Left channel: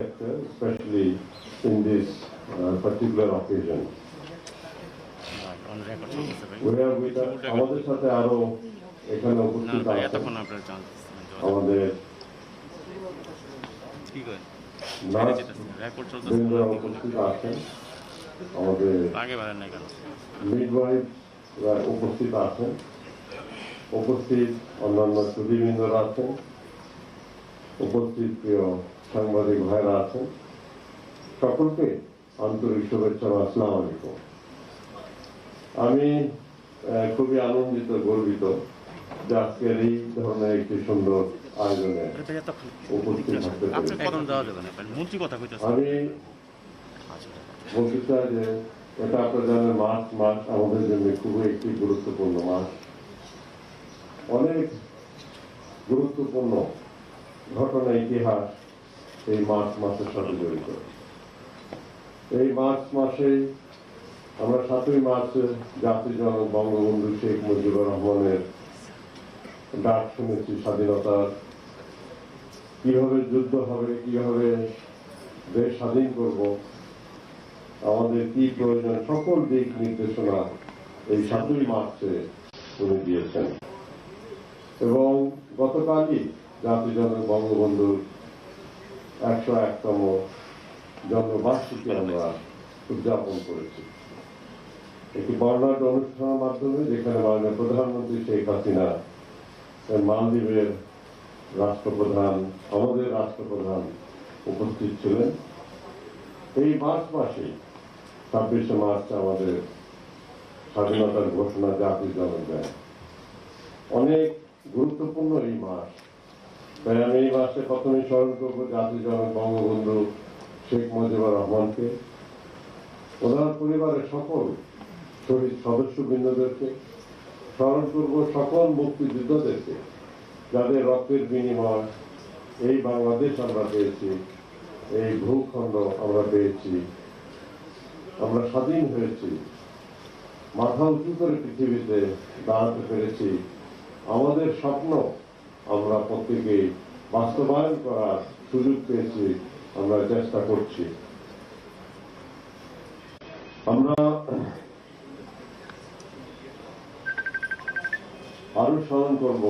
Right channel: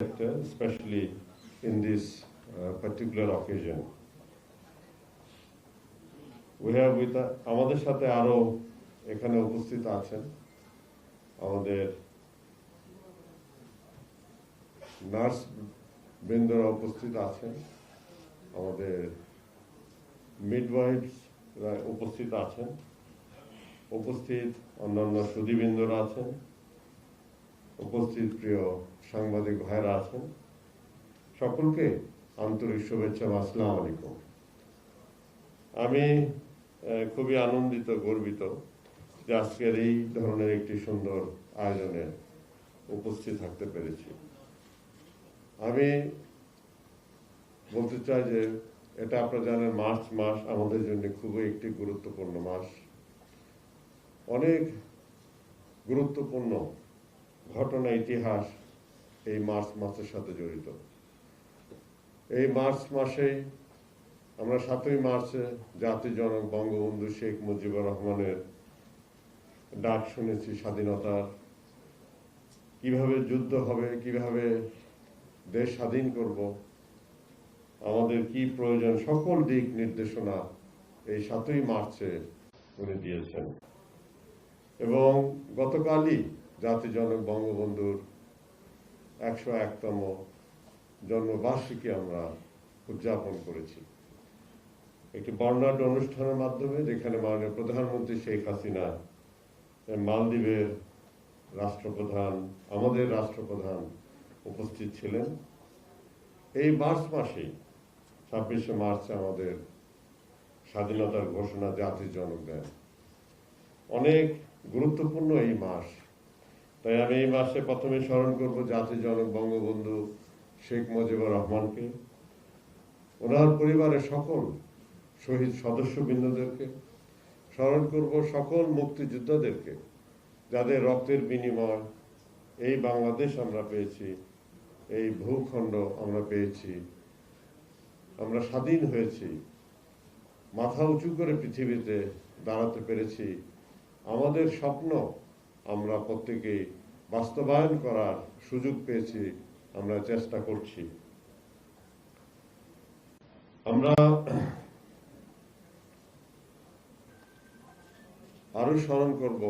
especially in this particular occasion. We are with আমাদের সাথে আরো এখানে উপস্থিত আছেন আমাদের নার্স বৃন্দরা উপস্থিত আছেন, আমাদের মিডওয়াইফরা উপস্থিত আছেন, উপস্থিত অন্যান্য সুধীবৃন্দরা আছেন, উপস্থিত প্রিয় সাংবাদিক ভাইরা আছেন, সকলকে আন্তরিক শুভেচ্ছা ও আসসালামু আলাইকুম। আমি খুবই আনন্দিত, গর্বিত যে আজকের এই ধরনের একটি সুন্দর আয়োজনে উপস্থিত থাকতে পেরেছি। আমি বলতে চাই যে এটা আপনারা জানেন, মার্চ মাস আমাদের জন্য খুবই একটি গুরুত্বপূর্ণ মাস। অনেক গুরুত্বপূর্ণ ঘটনা, ইতিহাস এই মার্চ মাসের সাথে জড়িত। এই মার্চ মাসে আমরা 7ই মার্চ জাতির জনক বঙ্গবন্ধু শেখ মুজিবুর রহমানের ডাক শুনেছি, স্বাধীনতার কিভাবে যুদ্ধ হবে, কিভাবে দেশ স্বাধীন করব, আমাদের কি প্রয়োজন, সকল দিক নির্দেশনা এই 7ই মার্চে উনি দিয়েছেন। এবং গতকালই জাতির জনক বঙ্গবন্ধুর 101তম জন্মবার্ষিকী আমরা উদযাপন করেছি একটি বর্ণাঢ্য অনুষ্ঠানের মাধ্যমে, যেখানে মাননীয় প্রধানমন্ত্রী শেখ হাসিনা, মালদ্বীপের রাষ্ট্রপ্রধান, আমাদের রাষ্ট্রপ্রধান উপস্থিত ছিলেন। এই মার্চ মাসে 26শে মার্চ আমাদের স্বাধীনতার ঘোষণা জাতির জনক দেয়। অনেক গুরুত্বপূর্ণ এই মাস, তাই আমি এই মাসে প্রথমে স্মরণ করবো জাতির জনক বঙ্গবন্ধু শেখ মুজিবুর রহমানকে, ওনার পরিবারের সকল শহীদ সদস্যবৃন্দদেরকে, স্মরণ করব সকল মুক্তিযোদ্ধাদেরকে, যাদের রক্তের বিনিময় এই বাংলাদেশ আমরা পেয়েছি, এই ভূখণ্ড আমরা পেয়েছি, আমরা স্বাধীন হয়েছি, মাথা উঁচু করে পৃথিবীতে দাঁড়াতে পেরেছি। আমাদের স্বপ্ন আমরা প্রত্যেকে বাস্তবায়ন করার সুযোগ পেয়েছি, আমরা চেষ্টা করছি। আমরা আরো স্মরণ করব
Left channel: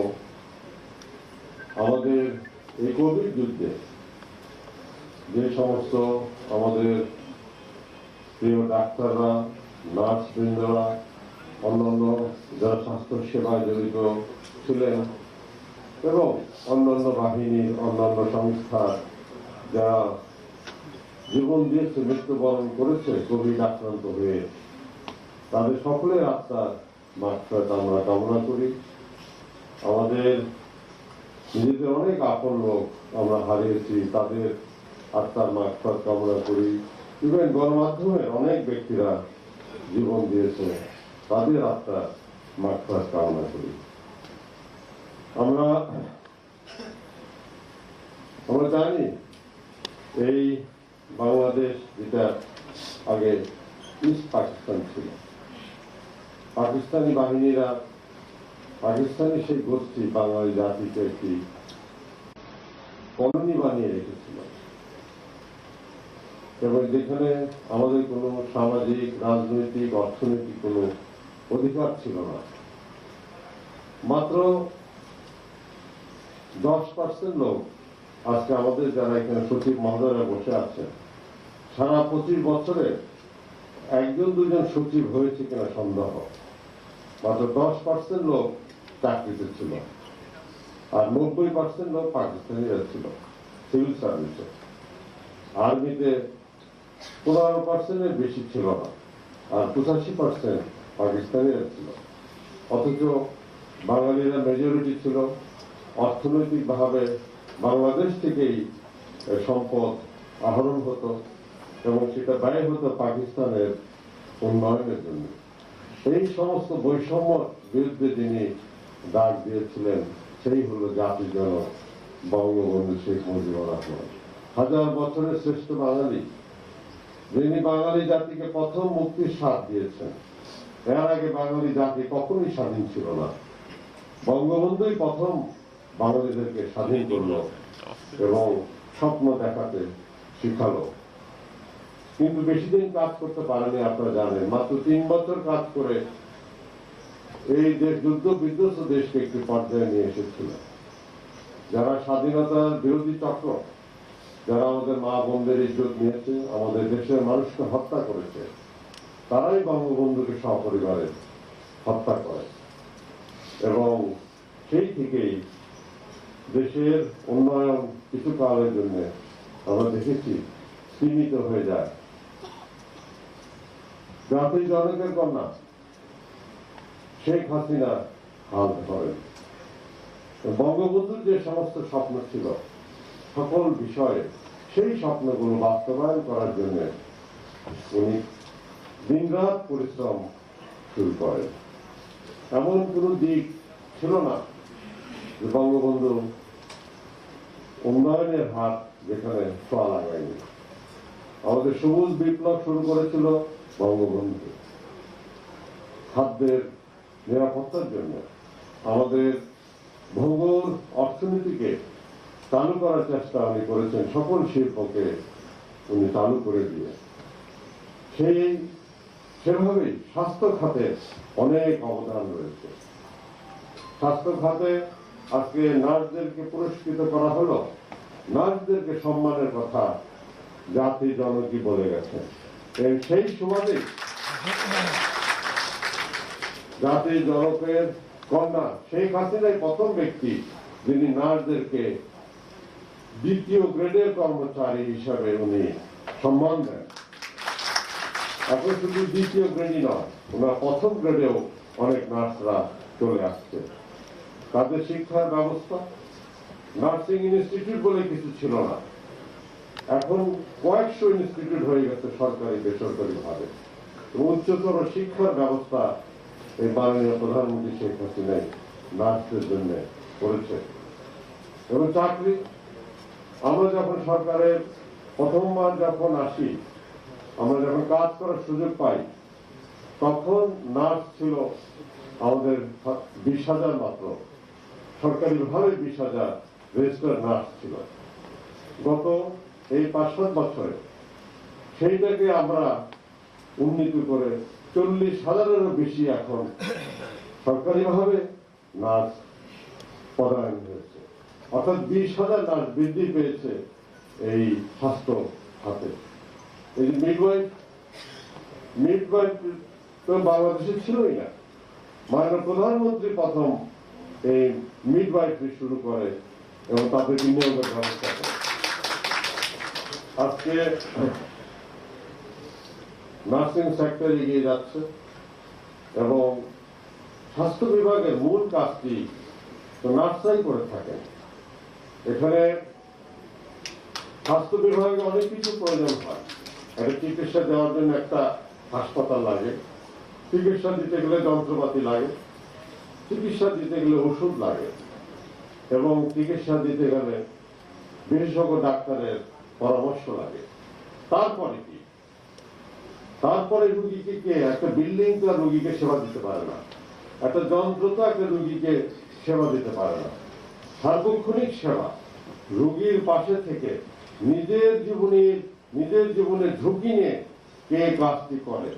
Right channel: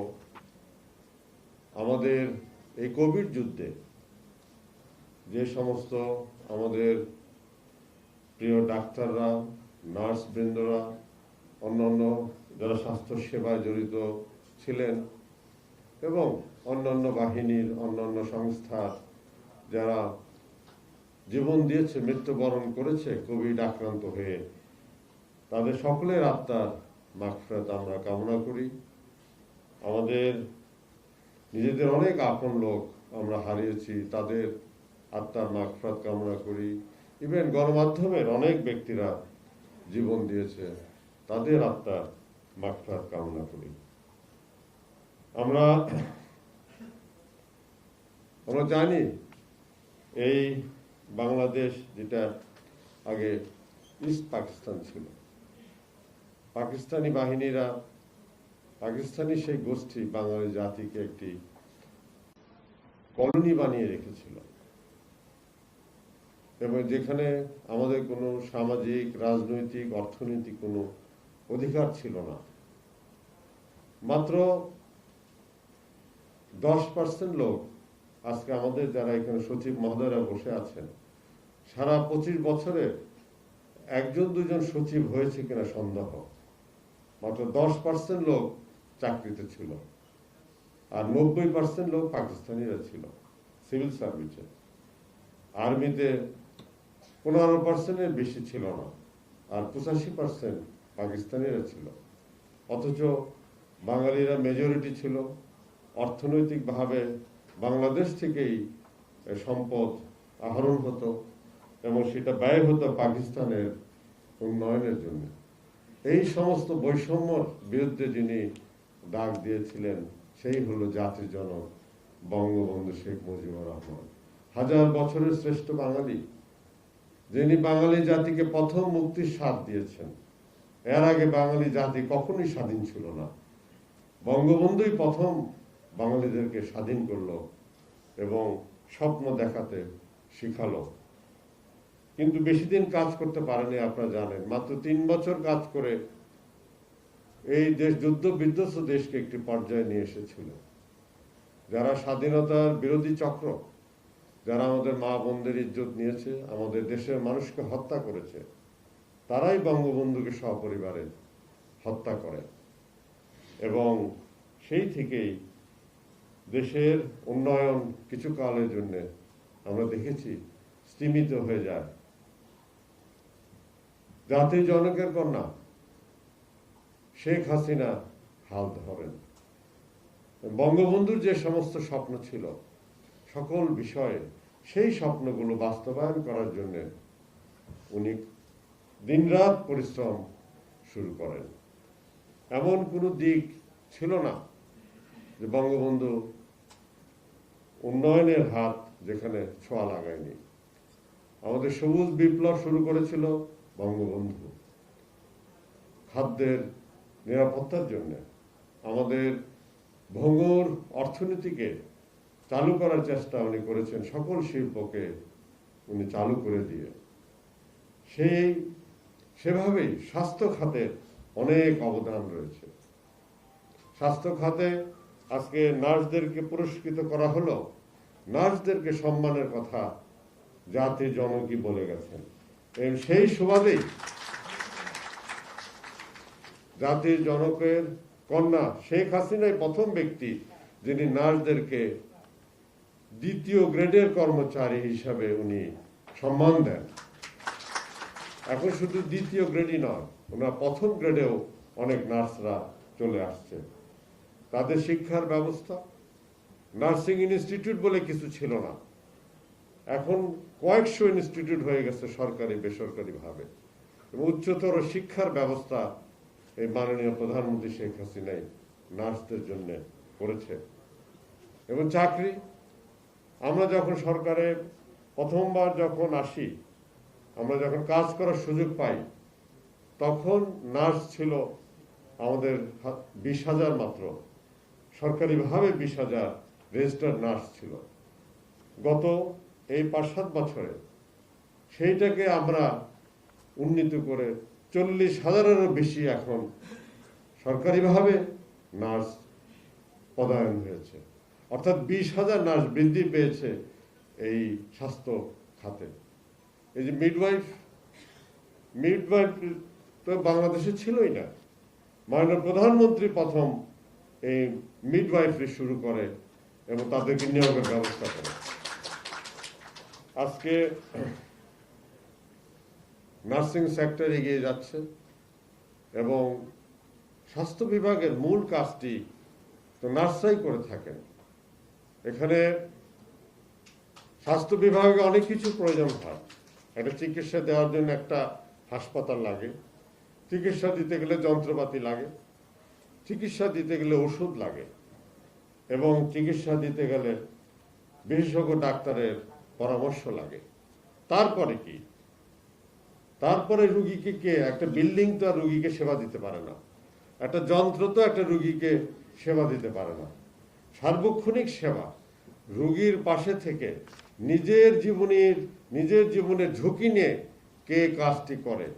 আমাদের এই কোভিড যুদ্ধে যে সমস্ত আমাদের প্রিয় ডাক্তাররা, নার্স বৃন্দরা, অন্যান্য যারা স্বাস্থ্য সেবায় জড়িত ছিলেন এবং অন্যান্য বাহিনীর, অন্যান্য সংস্থার যারা জীবন দিয়েছে, মৃত্যুবরণ করেছে কোভিড আক্রান্ত হয়ে, তাদের সকলের আত্মার মাগফিরাত আমরা কামনা করি। আমাদের নিজেদের অনেক আপন লোক আমরা হারিয়েছি, তাদের আত্মার মাগফিরাত কামনা করি। ইভেন গণমাধ্যমের অনেক ব্যক্তিরা জীবন দিয়েছে, তাদের আত্মার মাগফিরাত কামনা করি। আমরা জানি এই বাংলাদেশ, যেটা আগে ইস্ট পাকিস্তান ছিল, পাকিস্তানি বাহিনীরা, পাকিস্তানি সেই গোষ্ঠী বাঙালি জাতিকে একটি কলোনি বানিয়ে রেখেছিল, এবং যেখানে আমাদের কোনো সামাজিক, রাজনৈতিক, অর্থনৈতিক কোনো অধিকার ছিল না। মাত্র 10% লোক, আজকে আমাদের যারা এখানে সচিব মহোদয়রা বসে আছেন, সারা 25 বছরে 1-2জন সচিব হয়েছে কিনা সন্দেহ। মাত্র 10% লোক চাকরিতে ছিল, আর 90% লোক পাকিস্তানিরা ছিল সিভিল সার্ভিসে। আর্মিতে 15%-এর বেশি ছিল না, আর 85% পাকিস্তানিরা ছিল। অথচ বাঙালিরা মেজরিটি ছিল। অর্থনৈতিক ভাবে বাংলাদেশ থেকেই সম্পদ আহরণ হতো এবং সেটা ব্যয় হতো পাকিস্তানের উন্নয়নের জন্য। এই সমস্ত বৈষম্যর বিরুদ্ধে যিনি ডাক দিয়েছিলেন, সেই হলো জাতির জনক বঙ্গবন্ধু শেখ মুজিবুর রহমান, 1000 বছরের শ্রেষ্ঠ বাঙালি, যিনি বাঙালি জাতিকে প্রথম মুক্তির স্বাদ দিয়েছেন। এর আগে বাঙালি জাতি কখনোই স্বাধীন ছিল না। বঙ্গবন্ধুই প্রথম বাঙালিদেরকে স্বাধীন করল এবং স্বপ্ন দেখাতে শিখালো, কিন্তু বেশি দিন কাজ করতে পারেনি। আপনারা জানেন, মাত্র 3 বছর কাজ করে এই দেশ যুদ্ধ বিধ্বস্ত দেশকে একটি পর্যায়ে নিয়ে এসেছিল। যারা স্বাধীনতার বিরোধী চক্র, যারা আমাদের মা বোনদের ইজ্জত নিয়েছে, আমাদের দেশের মানুষকে হত্যা করেছে, তারাই বঙ্গবন্ধুকে সপরিবারে হত্যা করে। এবং সেই থেকেই দেশের উন্নয়ন কিছু কালের জন্য আমরা দেখেছি সীমিত হয়ে যায়। জাতির জনকের কন্যা শেখ হাসিনা হাল ধরেন। বঙ্গবন্ধুর যে সমস্ত স্বপ্ন ছিল, সকল বিষয়ে সেই স্বপ্নগুলো বাস্তবায়ন করার জন্য উনি দিনরাত পরিশ্রম শুরু করেন। এমন কোনো দিক ছিল না যে বঙ্গবন্ধু উন্নয়নের হাত যেখানে ছোঁয়া লাগায়নি। আমাদের সবুজ বিপ্লব শুরু করেছিল বঙ্গবন্ধু, খাদ্যের নিরাপত্তার জন্য। আমাদের ভঙ্গুর অর্থনীতিকে চালু করার চেষ্টা উনি করেছেন, সকল শিল্পকে উনি চালু করে দিয়ে। সেভাবেই স্বাস্থ্য খাতে অনেক অবদান রয়েছে। স্বাস্থ্য খাতে আজকে নার্সদেরকে পুরস্কৃত করা হলো। নার্সদেরকে সম্মানের কথা জাতির জনকই বলে গেছেন। সেই সুবাদেই জাতির জনকের কন্যা শেখ হাসিনাই প্রথম ব্যক্তি যিনি নার্সদেরকে 2য় গ্রেডের কর্মচারী হিসাবে উনি সম্মান দেন। এখন শুধু 2য় গ্রেডই নয়, ওনার 1ম গ্রেডেও অনেক নার্সরা চলে আসছে। তাদের শিক্ষার ব্যবস্থা, নার্সিং ইনস্টিটিউট বলে কিছু ছিল না, এখন কয়েকশো ইনস্টিটিউট হয়ে গেছে সরকারি বেসরকারি ভাবে। উচ্চতর শিক্ষার ব্যবস্থা এই মাননীয় প্রধানমন্ত্রী শেখ হাসিনা নার্সদের জন্য করেছে। এবং চাকরি, আমরা যখন সরকারে প্রথমবার যখন আসি, আমরা যখন কাজ করার সুযোগ পাই, তখন নার্স ছিল আমাদের 20,000 মাত্র, সরকারিভাবে 20,000 রেজিস্টার্ড নার্স ছিল। গত এই 5-7 বছরে সেইটাকে আমরা উন্নীত করে 40,000-এরও বেশি এখন সরকারিভাবে নার্স পদায়ন হয়েছে। অর্থাৎ 20,000 নার্স বৃদ্ধি পেয়েছে এই স্বাস্থ্য খাতে। এই যে মিডওয়াইফ তো বাংলাদেশে ছিলই না। মাননীয় প্রধানমন্ত্রী প্রথম এই মিডওয়াইফ শুরু করে এবং তাদেরকে নিয়োগের ব্যবস্থা করে। আজকে নার্সিং সেক্টর এগিয়ে যাচ্ছে এবং স্বাস্থ্য বিভাগের মূল কাজটি নার্সরাই করে থাকেন। এখানে স্বাস্থ্য বিভাগে অনেক কিছু প্রয়োজন হয়। একটা চিকিৎসা দেওয়ার জন্য একটা হাসপাতাল লাগে, চিকিৎসা দিতে গেলে যন্ত্রপাতি লাগে, চিকিৎসা দিতে গেলে ওষুধ লাগে, এবং চিকিৎসা দিতে গেলে বিশেষজ্ঞ ডাক্তারের পরামর্শ লাগে। তারপরে কি? তারপরে রুগীকে কে, একটা বিল্ডিং তো আর রুগীকে সেবা দিতে পারে না, একটা যন্ত্র তো একটা রুগীকে সেবা দিতে পারে না। সার্বক্ষণিক সেবা, রুগীর পাশে থেকে নিজের জীবনের ঝুঁকি নিয়ে কে কাজটি করে,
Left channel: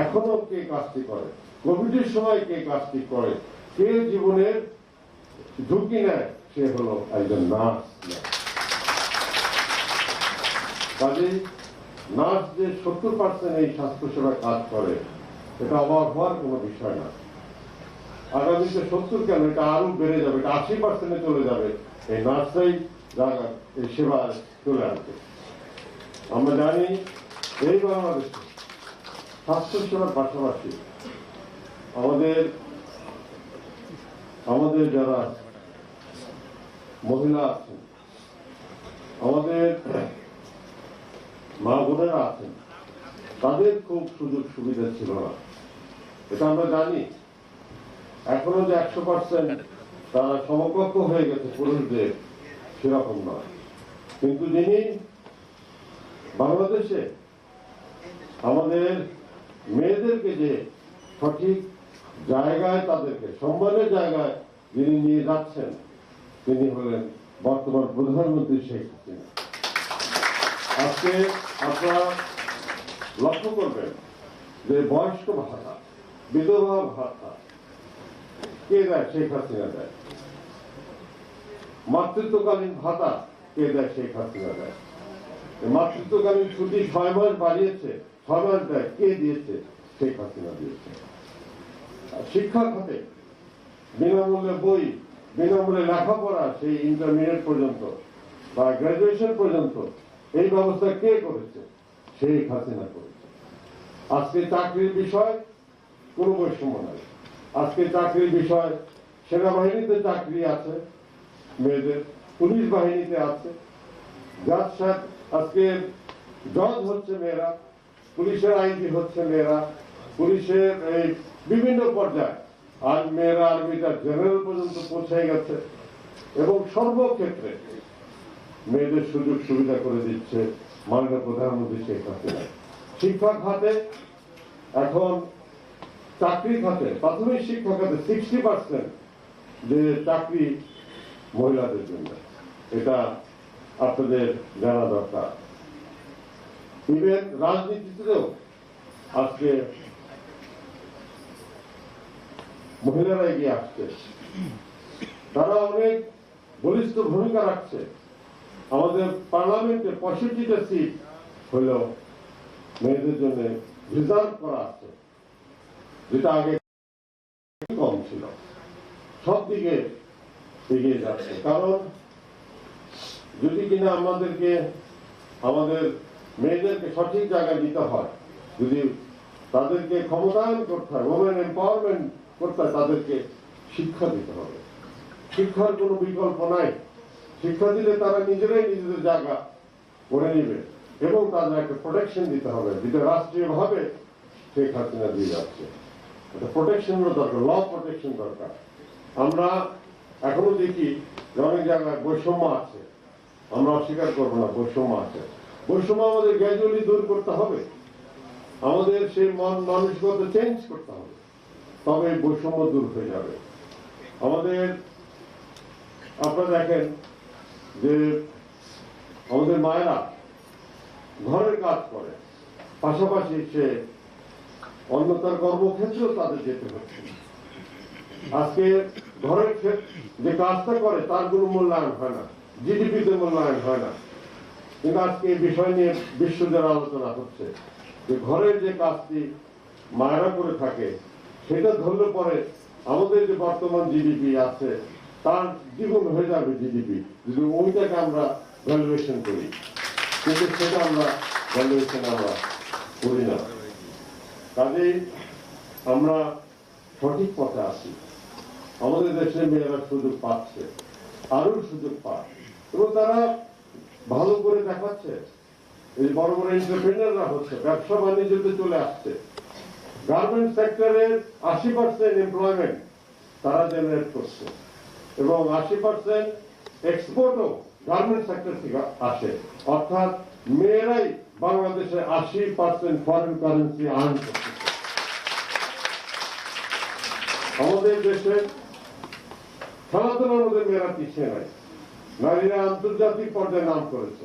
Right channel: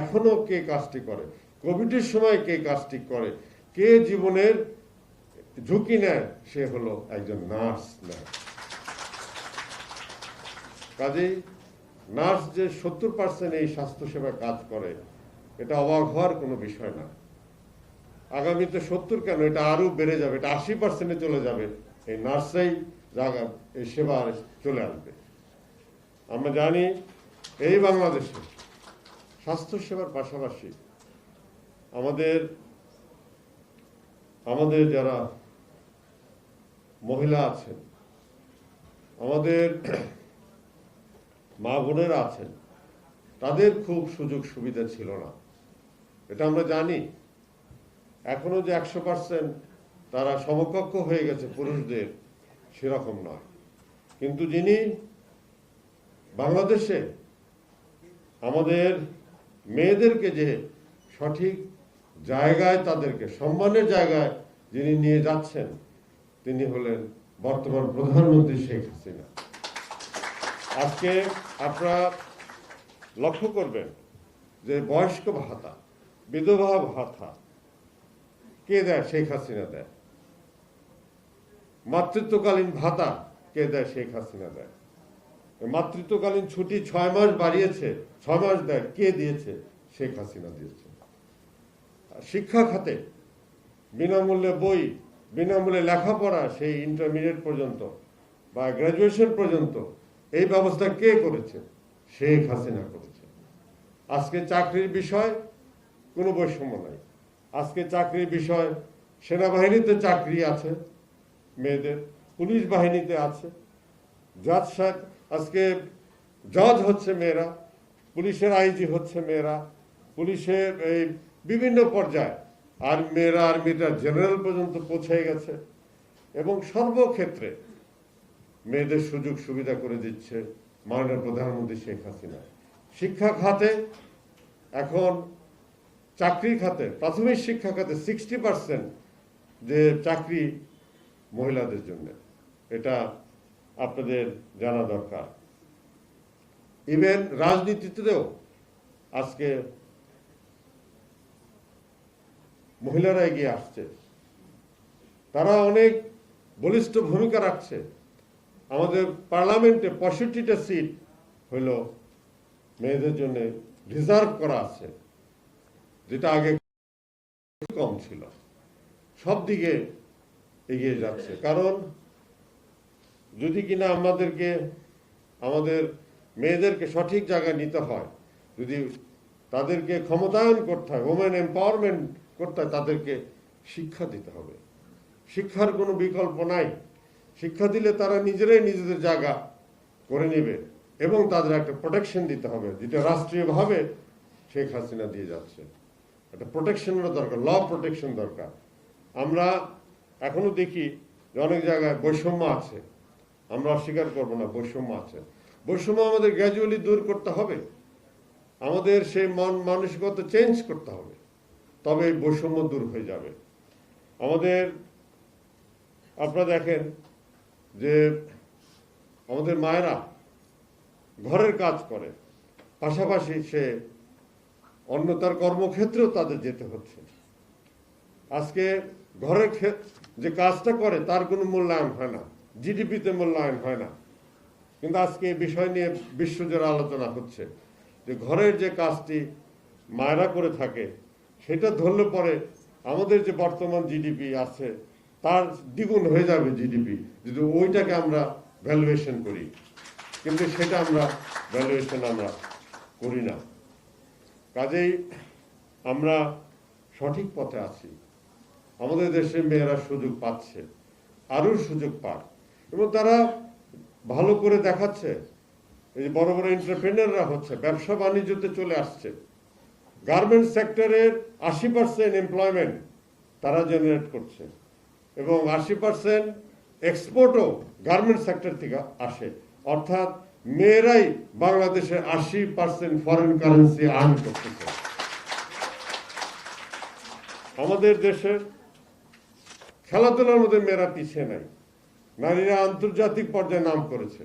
এখনো কে কাজটি করে, কোভিডের সময় কে কাজটি করে, কে জীবনের ঝুঁকি নেয়, সে হলো একজন নার্স। কাজেই নার্স যে 70% এই স্বাস্থ্যসেবা কাজ করে, এটা অবাক হওয়ার কোনো বিষয় না। আগামীতে 70 কেন, এটা আরো বেড়ে যাবে, এটা 80% চলে যাবে। এই নার্সরাই জায়গা এই সেবায় চলে আসবে। আমরা জানি এই বাংলাদেশে স্বাস্থ্যসেবার পাশাপাশি আমাদের যারা মহিলা আছেন, আমাদের মা বোনেরা আছেন, তাদের খুব সুযোগ সুবিধা ছিল না, এটা আমরা জানি। এখনো যে 100% তারা সমকক্ষ হয়ে গেছে পুরুষদের, সেরকম নয়। কিন্তু যিনি বাংলাদেশে আমাদের মেয়েদেরকে যে সঠিক জায়গায়, তাদেরকে সম্মানের জায়গায় যিনি নিয়ে যাচ্ছেন, তিনি হলেন বর্তমান প্রধানমন্ত্রী শেখ হাসিনা। আজকে আপনারা লক্ষ্য করবেন যে বয়স্ক ভাতা, বিধবা ভাতা কে দেয়? শেখ হাসিনা দেয়। মাতৃত্বকালীন ভাতা কে দেয়? শেখ হাসিনা দেয়। মাতৃত্বকালীন ছুটি 6 মাস বাড়িয়েছে, 6 মাস দেয়, কে দিয়েছে? শেখ হাসিনা দিয়েছে। শিক্ষা খাতে বিনামূল্যে বই, বিনামূল্যে লেখাপড়া, সেই ইন্টারমিডিয়েট পর্যন্ত বা গ্রাজুয়েশন পর্যন্ত এই ব্যবস্থা কে করেছে? শেখ হাসিনা করেছে। আজকে চাকরির বিষয় কোনো বৈষম্য নাই। আজকে চাকরির বিষয়, সেনাবাহিনীতে চাকরি আছে মেয়েদের, পুলিশ বাহিনীতে আছে, জাজ সাহেব আজকে জজ হচ্ছে মেয়েরা, পুলিশের আইজি হচ্ছে মেয়েরা, পুলিশের এই বিভিন্ন পর্যায়ে, আর মেয়েরা আর্মিটা জেনারেল পর্যন্ত পৌঁছে গেছে। এবং সর্বক্ষেত্রে মেয়েদের সুযোগ সুবিধা করে দিচ্ছে মাননীয় প্রধানমন্ত্রী শেখ হাসিনা। শিক্ষা খাতে এখন, চাকরি খাতে, প্রাথমিক শিক্ষা খাতে 60% যে চাকরি মহিলাদের জন্য, এটা আপনাদের জানা দরকার। ইভেন রাজনীতিতেও আজকে মহিলারা এগিয়ে আসছে, তারা অনেক বলিষ্ঠ ভূমিকা রাখছে। আমাদের পার্লামেন্টে 65টা সিট হলো মেয়েদের জন্য রিজার্ভ করা আছে, যেটা আগে কম ছিল। সব দিকে এগিয়ে যাচ্ছে। কারণ যদি কিনা আমাদের মেয়েদেরকে সঠিক জায়গায় নিতে হয়, যদি তাদেরকে ক্ষমতায়ন করতে হয়, ওমেন এম্পাওয়ারমেন্ট করতে হয়, তাদেরকে শিক্ষা দিতে হবে। শিক্ষার কোনো বিকল্প নাই। শিক্ষা দিলে তারা নিজেরাই নিজেদের জায়গা করে নেবে এবং তাদের একটা প্রোটেকশন দিতে হবে, যেটা রাষ্ট্রীয়ভাবে শেখ হাসিনা দিয়ে যাচ্ছে। একটা প্রোটেকশনের দরকার, ল প্রোটেকশন দরকার। আমরা এখনো দেখি যে অনেক জায়গায় বৈষম্য আছে, আমরা অস্বীকার করবো না, বৈষম্য আছে। বৈষম্য আমাদের গ্র্যাজুয়ালি দূর করতে হবে, আমাদের সেই মানসিকতা চেঞ্জ করতে হবে, তবে বৈষম্য দূর হয়ে যাবে। আমাদের, আপনারা দেখেন যে আমাদের মায়েরা ঘরের কাজ করে, পাশাপাশি সে অন্য তার কর্মক্ষেত্রেও তাদের যেতে হচ্ছে। আজকে ঘরের যে কাজটা করে তার কোনো মূল্যায়ন হয় না, জিডিপিতে মূল্যায়ন হয় না। কিন্তু আজকে এই বিষয় নিয়ে বিশ্বজুড়ে আলোচনা হচ্ছে যে ঘরের যে কাজটি মায়েরা করে থাকে, সেটা ধরলে পরে আমাদের যে বর্তমান জিডিপি আছে তার দ্বিগুণ হয়ে যাবে জিডিপি, যদি ওইটাকে আমরা ভ্যালুয়েশন করি। কিন্তু সেটা আমরা ভ্যালুয়েশন করি না। কাজেই আমরা সঠিক পথে আছি। আমাদের দেশের মেয়েরা সুযোগ পাচ্ছে, আরো সুযোগ পায়, এবং তারা ভালো করে দেখাচ্ছে। এই বড় বড় এন্টারপ্রেনাররা হচ্ছে, ব্যবসা বাণিজ্যতে চলে আসছে। গার্মেন্টস সেক্টরের 80% এমপ্লয়মেন্ট তারা জেনারেট করছে, এবং 80% এক্সপোর্টও গার্মেন্টস সেক্টর থেকে আসে। অর্থাৎ মেয়েরাই বাংলাদেশের 80% ফরেন কারেন্সি আর্ন করতেছে। আমাদের দেশে খেলাধুলার মধ্যে মেয়েরা পিছিয়ে নাই। নারীরা আন্তর্জাতিক পর্যায়ে নাম করেছে।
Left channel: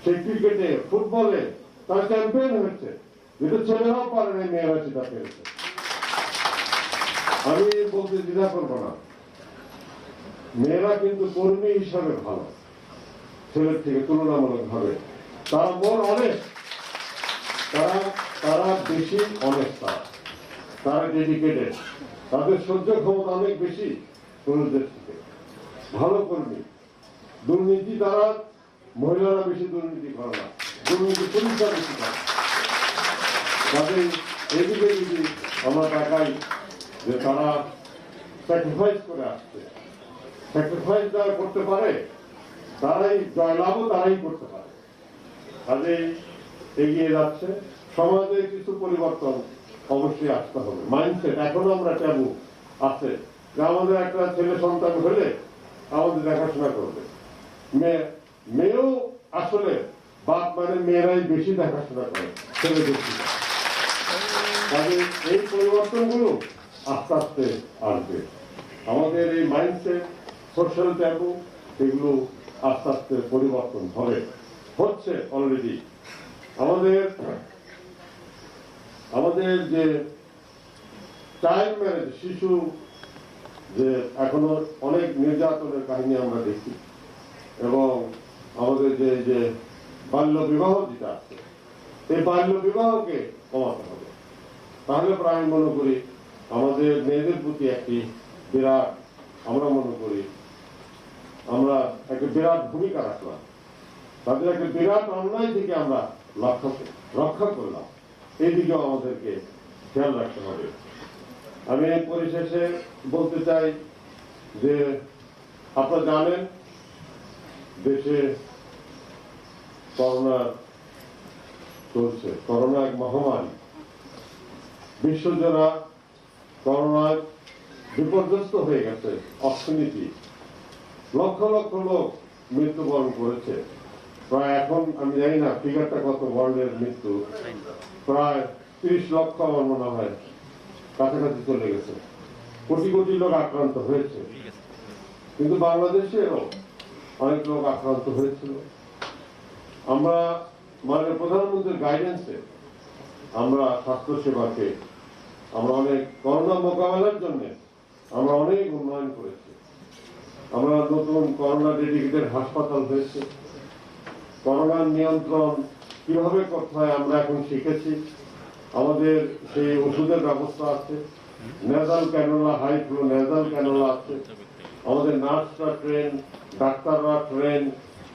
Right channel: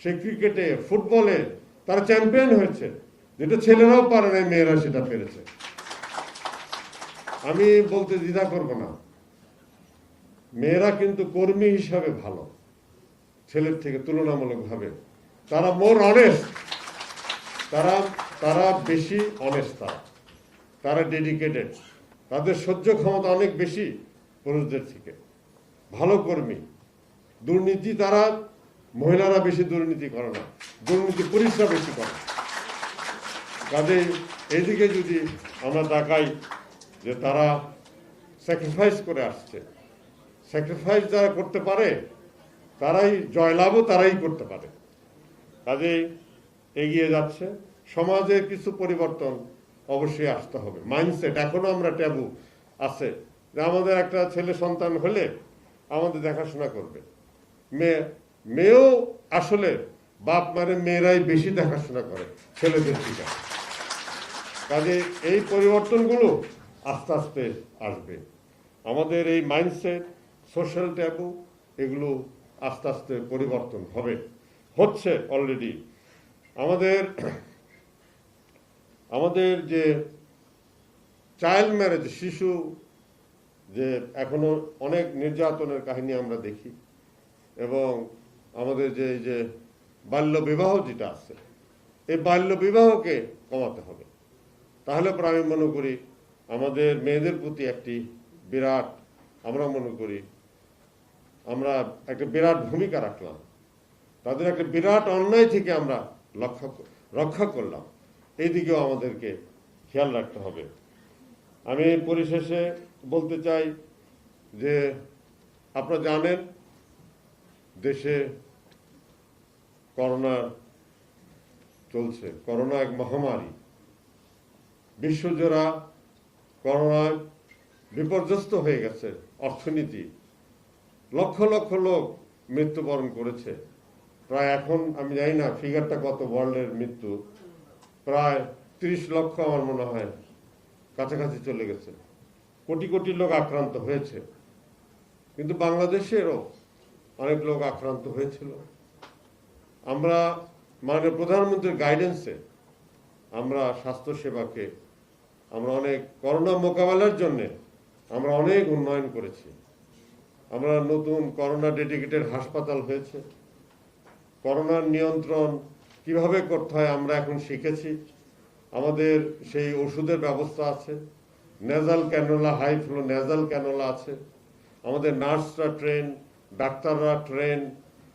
সে ক্রিকেটে, ফুটবলে তারা চ্যাম্পিয়ন হয়েছে, যেটা ছেলেরাও পারে নাই, মেয়েরা সেটা পেরেছে। আমি বলতে দ্বিধা করবো না, মেয়েরা কিন্তু কর্মী হিসাবে ভালো, ছেলের থেকে তুলনামূলক ভাবে। তারা মোর অনেস্ট, তারা বেশি অনেস্ট, তারা ডেডিকেটেড, তাদের সহ্য ক্ষমতা অনেক বেশি পুরুষদের থেকে। ভালো কর্মী। দুর্নীতি তারা, মহিলারা বেশি দুর্নীতি করে না, দুর্নীতি পুলিশরা বেশি করে। তাদের এইদিকে যদি আমরা তাকাই যে তারা স্যাক্রিফাইস করে আসছে, স্যাক্রিফাইস যারা করতে পারে তারাই জয়লাভও তারাই করতে পারে। কাজে এগিয়ে যাচ্ছে। সমাজে কিছু পরিবর্তন অবশ্যই আসতে হবে। মাইন্ডসেট এখনো আমরা ট্যাবু আছে যে আমাদের একটা ছেলে সন্তান হলে আমাদের দেখাশোনা করবে। মেয়েও আসলে বাপ মানে মেয়েরাই বেশি দেখাশোনা করে ছেলেদের থেকে। কাজে এই পরিবর্তনগুলো আস্তে আস্তে আসবে। আমাদের এই মাইন্ডসেট, সোশ্যাল ট্যাবু, এগুলো আস্তে আস্তে পরিবর্তন হবে। হচ্ছে অলরেডি। আমাদের যে চাইল্ড ম্যারেজ, শিশু যে এখনো অনেক নির্যাতনের কাহিনী আমরা দেখি, এবং আমাদের যে বাল্য বিবাহ যেটা আছে, এই বাল্য বিবাহকে কমাতে হবে। তাহলে পরে আমি মনে করি আমাদের মেয়েদের প্রতি একটি বিরাট, আমরা মনে করি আমরা একটা বিরাট ভূমিকা রাখলাম, তাদের একটা বিরাট অন্যায় থেকে আমরা রক্ষা করলাম। এই দিকেও আমাদেরকে খেয়াল রাখতে হবে। আমি পরিশেষে বলতে চাই যে আপনারা জানেন দেশে করোনা চলছে, করোনা এক মহামারী, বিশ্বজোড়া করোনায় বিপর্যস্ত হয়ে গেছে অর্থনীতি, লক্ষ লক্ষ লোক মৃত্যুবরণ করেছে। প্রায় এখন আমি জানি না ফিগারটা কত, ওয়ার্ল্ডের মৃত্যু প্রায় 30 লক্ষ আমার মনে হয় কাছাকাছি চলে গেছে। কোটি কোটি লোক আক্রান্ত হয়েছে, কিন্তু বাংলাদেশেরও অনেক লোক আক্রান্ত হয়েছিল। আমরা মাননীয় প্রধানমন্ত্রীর গাইডেন্সে আমরা স্বাস্থ্য সেবাকে আমরা অনেক করোনা মোকাবেলার জন্য আমরা অনেক উন্নয়ন করেছি। আমরা নতুন করোনা ডেডিকেটেড হাসপাতাল হয়েছে, করোনার নিয়ন্ত্রণ কিভাবে করতে হয় আমরা এখন শিখেছি। আমাদের সেই ওষুধের ব্যবস্থা আছে, nasal cannula, high flow nasal cannula আছে, আমাদের নার্সরা ট্রেন, ডাক্তাররা ট্রেন,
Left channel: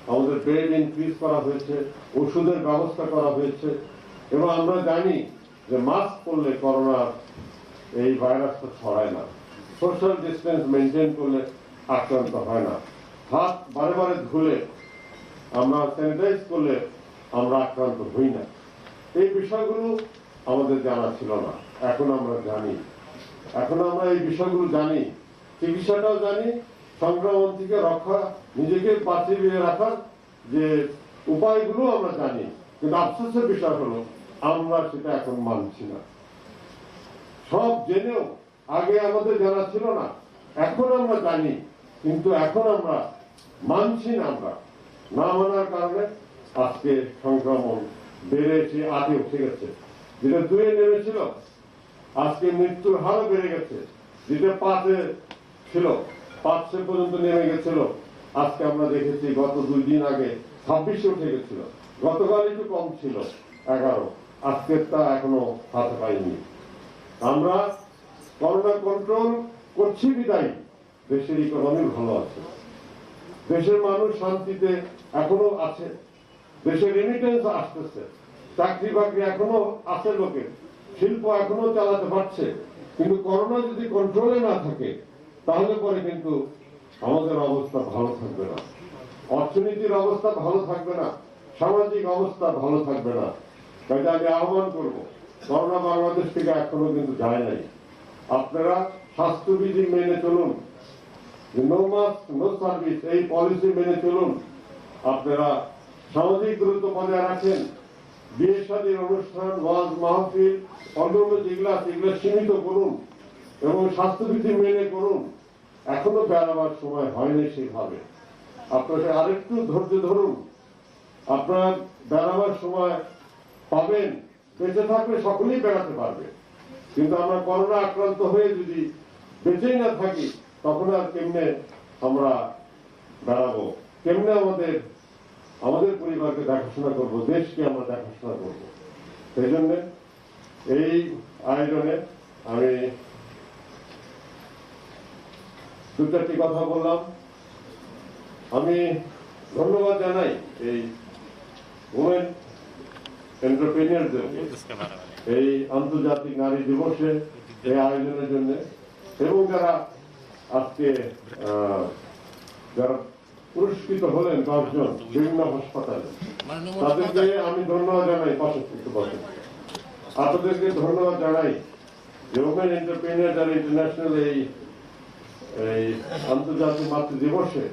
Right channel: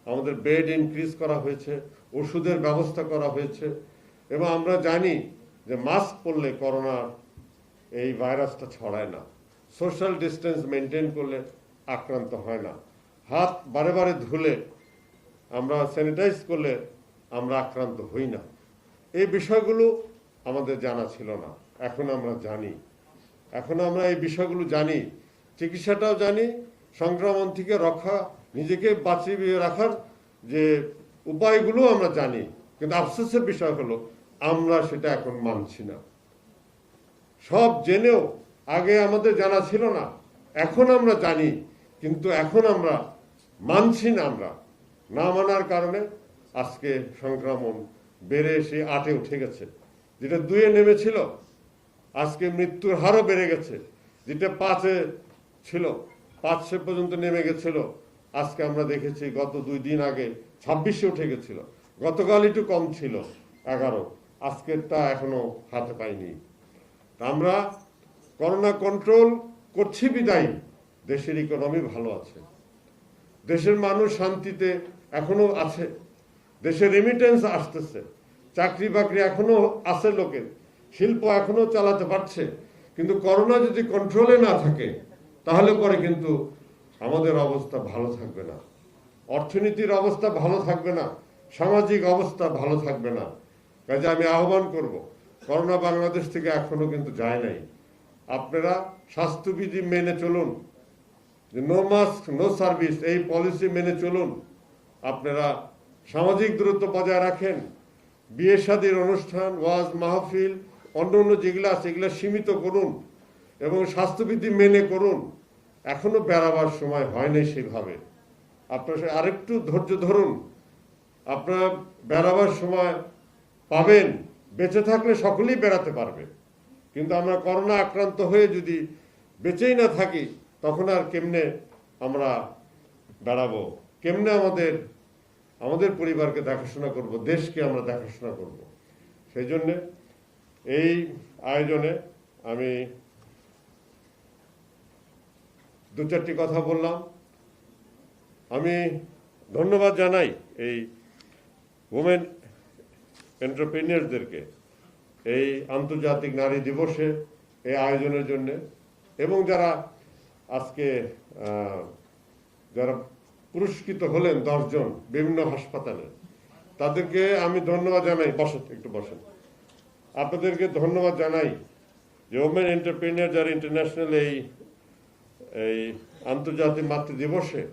আমাদের বেড ইনক্রিজ করা হয়েছে, ওষুধের ব্যবস্থা করা হয়েছে, এবং আমরা জানি যে মাস্ক পরলে করোনার এই ভাইরাসটা ছড়ায় না, সোশ্যাল ডিস্টেন্স মেনটেন করলে আক্রান্ত হয় না, হাত বারে বারে ধুলে আমরা স্যানিটাইজ করলে আমরা আক্রান্ত হই না। এই বিষয়গুলো আমাদের জানা ছিল না, এখন আমরা জানি। এখন আমরা এই বিষয়গুলো জানি, চিকিৎসাটাও জানি, সংক্রমণ থেকে রক্ষা, নিজেকে বাঁচিয়ে রাখার যে উপায়গুলো আমরা জানি। কিন্তু আফসোসের বিষয় হলো আমরা সেটা এখন মানছি না। সব জেনেও আগে আমাদের জানা ছিল না, এখন আমরা জানি, কিন্তু এখন আমরা মানছি না। আমরা না মানার কারণে আজকে সংক্রমণ বেড়ে এসে 8-এ উঠে গেছে, যেটা 2-এ নেমেছিল, আজকে মৃত্যুর হারও বেড়ে গেছে, যেটা 5-এ ছিল 500 পর্যন্ত নেমে গেছিল, আজকে আমরা দেখেছি গত 2 দিন আগে 26-এ উঠে গেছিল, গতকাল একটু কম ছিল 11, আজকেরটা এখনো হাত পাইনি। আমরা করোনা কন্ট্রোল করছি বিদায়ী দেশের ইকোনমি ভালো আছে, দেশের মানুষ শান্তিতে এখনো আছে, দেশের রেমিটেন্স আসতেছে, চাকরি বাকরি এখনো আছে, লোকের শিল্প এখনো চালাতে পারছে। কিন্তু করোনা যদি কন্ট্রোলে না থাকে তাহলে পরে কিন্তু আমাদের অবস্থা ভালো থাকবে না, অর্থনীতির অবস্থা ভালো থাকবে না, সামাজিক অবস্থা ভালো থাকবে না। কাজে আমি আহ্বান করব, করোনা বাংলাদেশ থেকে এখনো কিন্তু যায় নাই, আপনারা স্বাস্থ্যবিধি মেনে চলুন, নো মাস্ক নো সার্ভিস এই পলিসি মেনে চলুন, আপনারা সামাজিক দূরত্ব বজায় রাখেন, বিয়ে শাদীর অনুষ্ঠান, ওয়াজ মাহফিল, অন্যান্য যেগুলো আছে এগুলো সীমিত করুন এবং স্বাস্থ্যবিধি মেনে করুন। এখনো বেড়াবার সময় হয় নাই সেভাবে, আপনারা আরেকটু ধৈর্য ধরুন, আপনারা বেড়াবার সময় পাবেন, বেঁচে থাকলে সকলেই বেড়াতে পারবে। কিন্তু আমরা করোনা আক্রান্ত হয়ে যদি বেঁচেই না থাকি তখন আর কেমনে আমরা বেড়াবো, কেমনে আমাদের পরিবারকে দেখাশোনা করব, দেশকে আমরা দেখাশোনা করব। এই জন্য এই আয়োজনে আমি 2-4টি কথা বললাম। আমি ধন্যবাদ জানাই এই ওমেন এন্টারপ্রেনিয়ারদেরকে এই আন্তর্জাতিক নারী দিবসে এই আয়োজনের জন্য, এবং যারা আজকে যারা পুরস্কৃত হলেন 10 জন বিভিন্ন হাসপাতালে, তাদেরকে আমি ধন্যবাদ জানাই। একটু বসেন, আপনাদেরকে ধন্যবাদ জানাই। ওমেন এন্টারপ্রেনিয়ার যারা ইন্টারন্যাশনাল এই আন্তর্জাতিক মাতৃ দিবসে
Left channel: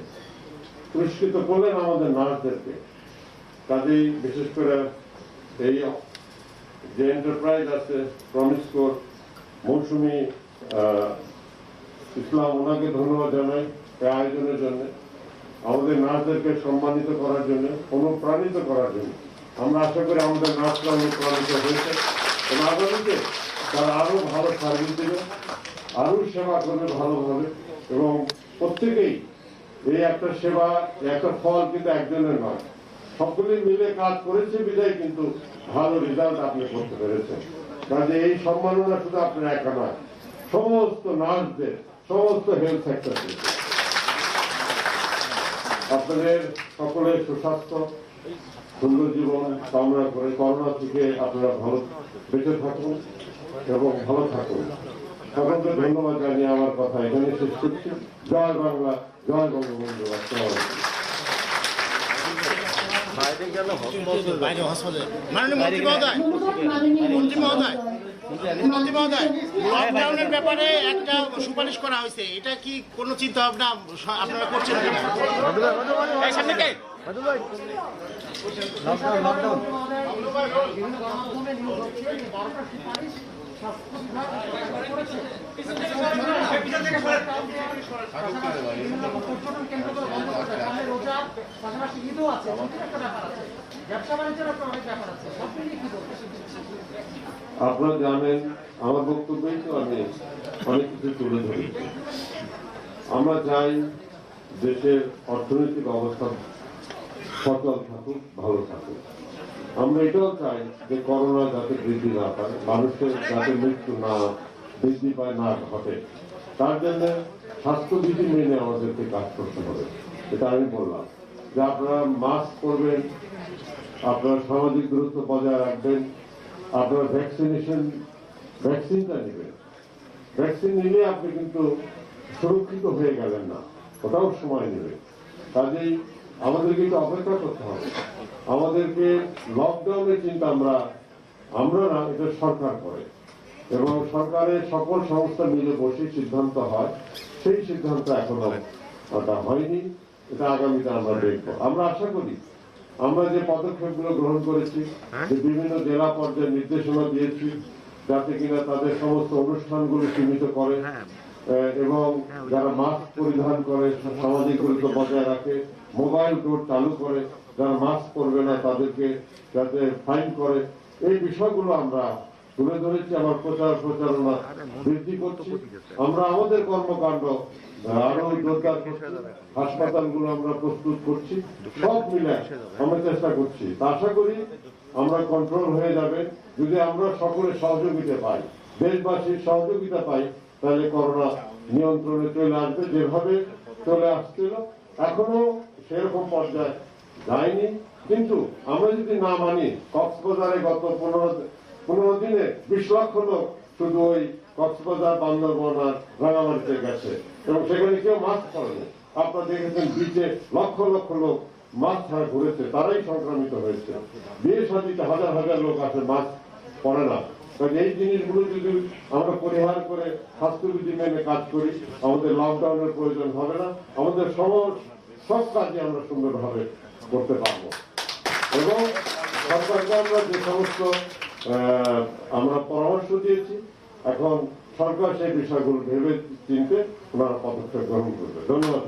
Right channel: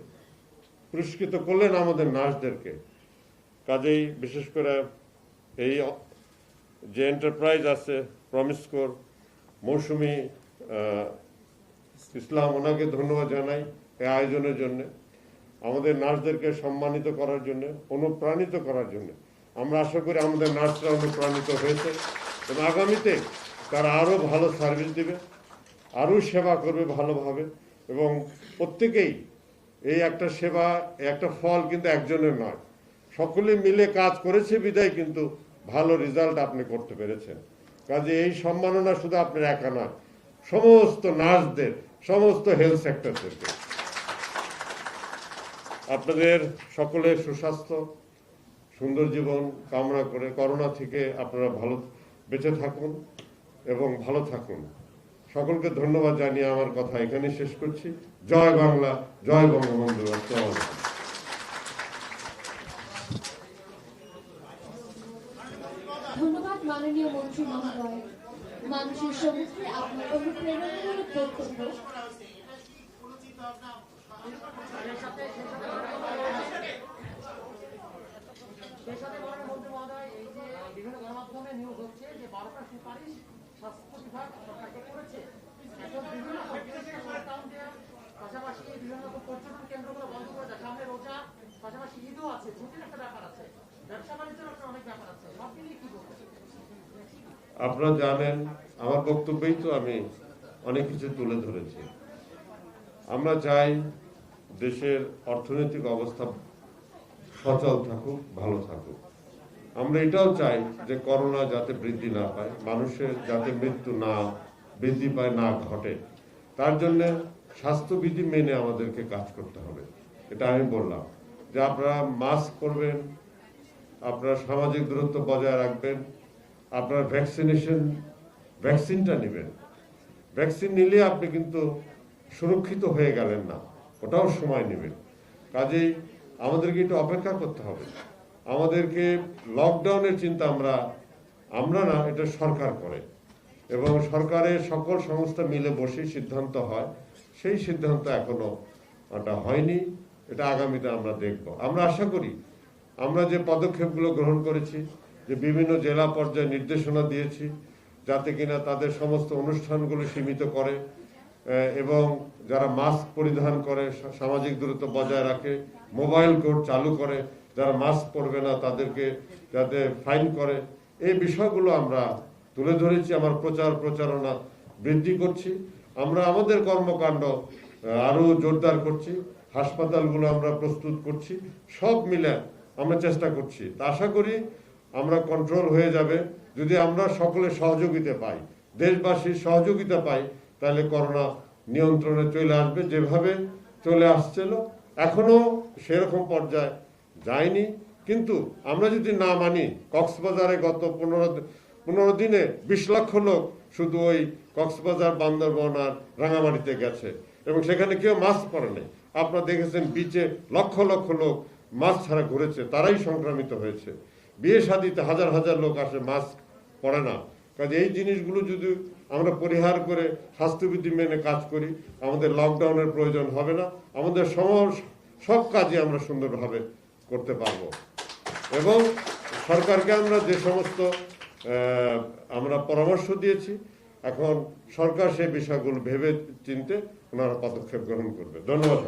পুরস্কৃত করলেন আমাদের নার্সদেরকে। কাজেই বিশেষ করে এই যে এন্টারপ্রাইজ আছে প্রমিসকোর মৌসুমী ইসলাম, ওনাকে ধন্যবাদ জানাই এই আয়োজনের জন্য। আমাদের নার্সদেরকে সম্মানিত করার জন্য, অনুপ্রাণিত করার জন্য। আমরা আশা করি আমাদের নার্সরা অনুপ্রাণিত হয়েছে এবং আগামীতে তারা আরো ভালো সার্ভিস দেবে, আরো সেবা করবে ভালোভাবে এবং প্রত্যেকেই এই একটা সেবা, একটা ফল কিন্তু একজনের নয়, সকলে মিলে কাজ করেছে বিধায় কিন্তু ভালো রেজাল্ট আপনি করতে পেরেছেন। কাজে এই সম্মাননা শুধু আপনার একা নয়, সমস্ত নার্সদের, সমস্ত হেলথ সেক্টর থেকে। আপনাদের সকলের সুস্বাস্থ্য, সুন্দর জীবন কামনা করে করোনা থেকে আপনারা ভালো বেঁচে থাকুন এবং ভালো থাকুন। সকলকে ধন্যবাদ জানিয়ে আমার কথা এখানে শেষ করছি। জয় বাংলা, জয় বঙ্গবন্ধু। লকডাউনের ব্যাপারে একটা সুপারিশ করা হয়েছে, এটা কি কোনো চিন্তা ভাবনা আপনারা করছেন? আপনারা জানেন আমার বক্তব্যেই তো আমি অনেক কিছু তুলে ধরেছি। আমরা চাই দেশের অর্থনৈতিক অবস্থা সচল থাকুক, ভালো থাকুক। আমরা এটাও চাই যে করোনা যাতে বৃদ্ধি না পায়, মানুষের যাতে মৃত্যু না বৃদ্ধি পায়, না ঘটে। তার জন্য স্বাস্থ্যবিধি মেনে আমাদেরকে কাজ করতে হবে। এটা আমি বললাম যে আপনারা মাস্ক পরবেন, আপনারা সামাজিক দূরত্ব বজায় রাখবেন, আপনারা ভ্যাকসিনটা নেবেন। ভ্যাকসিন নিলে আপনি কিন্তু সুরক্ষিত হয়ে গেলেন না, ওটাও সময় নেবে। কাজেই আমাদেরকে একটু অপেক্ষা করতে হবে। আমাদেরকে লকডাউনের চিন্তা আমরা না, এটা সরকার করে এবং সরকারের সকল সংস্থা মিলে বসে সিদ্ধান্ত হয়। সেই সিদ্ধান্ত এখনো ওটা হয়নি, এটা আগামীতে আমরা দেখব। আমরা আশা করি আমরা যে পদক্ষেপগুলো গ্রহণ করেছি, যে বিভিন্ন জেলা পর্যায়ে নির্দেশনা দিয়েছি যাতে কিনা তাদের সমস্ত অনুষ্ঠানগুলো সীমিত করে এবং যারা মাস্ক পরিধান করে, সামাজিক দূরত্ব বজায় রাখে, মোবাইল কোড চালু করে, যারা মাস্ক পরবে না তাদেরকে যাতে ফাইন করে, এই বিষয়গুলো আমরা তুলে ধরেছি। আমার প্রচারণা বৃদ্ধি করছি। আমরা আমাদের কর্মকাণ্ড আরো জোরদার করছি, হাসপাতালগুলো আমরা প্রস্তুত করছি, সব মিলে আমরা চেষ্টা করছি। আশা করি আমরা কন্ট্রোল হয়ে যাবে যদি আমরা সকলের সহযোগিতা পাই, দেশবাসীর সহযোগিতা পাই, তাহলে করোনা নিয়ন্ত্রণে চলে আসবে। যেভাবে চলে আসছিল এখনো সেরকম পর্যায়ে যায়নি, কিন্তু আমরা যদি না মানি, কক্সবাজারে গত 15 দিনে 20 লক্ষ লোক শুধু ওই কক্সবাজার, বান্দরবান আর রাঙামাটিতে গেছে এবং সেখানে কেউ মাস্ক পরেনি। আপনারা দেখেছেন বিচে লক্ষ লক্ষ লোক মাস্ক ছাড়া ঘুরেছে, তারাই সংক্রমিত হয়েছে। বিয়ে শাদীতে হাজার হাজার লোক আসে, মাস্ক পরে না। এই জিনিসগুলো যদি আমরা পরিহার করে স্বাস্থ্যবিধি মেনে কাজ করি, আমাদের লকডাউনের প্রয়োজন হবে না, আমাদের সব কাজে আমরা সুন্দরভাবে করতে পারবো। এবং সরকারকে আমরা যে সমস্ত আমরা পরামর্শ দিয়েছি, এখন সরকার সেই বিষয়গুলো ভেবে চিনতে ওনারা পদক্ষেপ গ্রহণ করবে। ধন্যবাদ।